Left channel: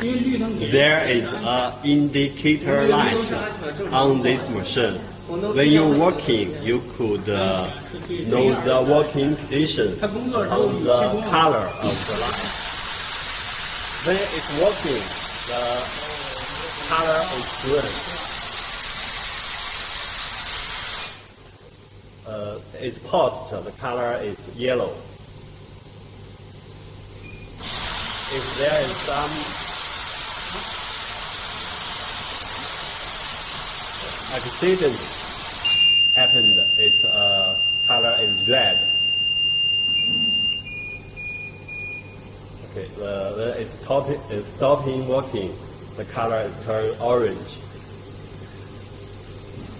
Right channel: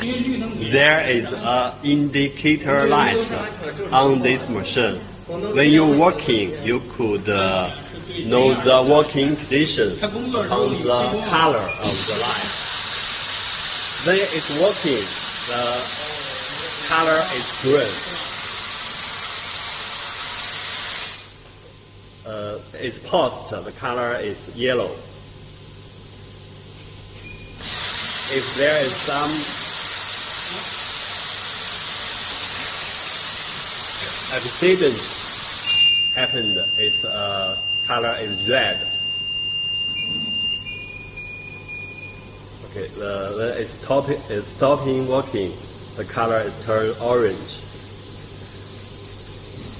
There is an indicator light on this machine. When you're working, you could know the working condition on the color of the light. When it's working, the color is green. It's paused, the color is yellow. If there is some accident happened, its color is red. Okay, when it's stopping working, the color is turned orange.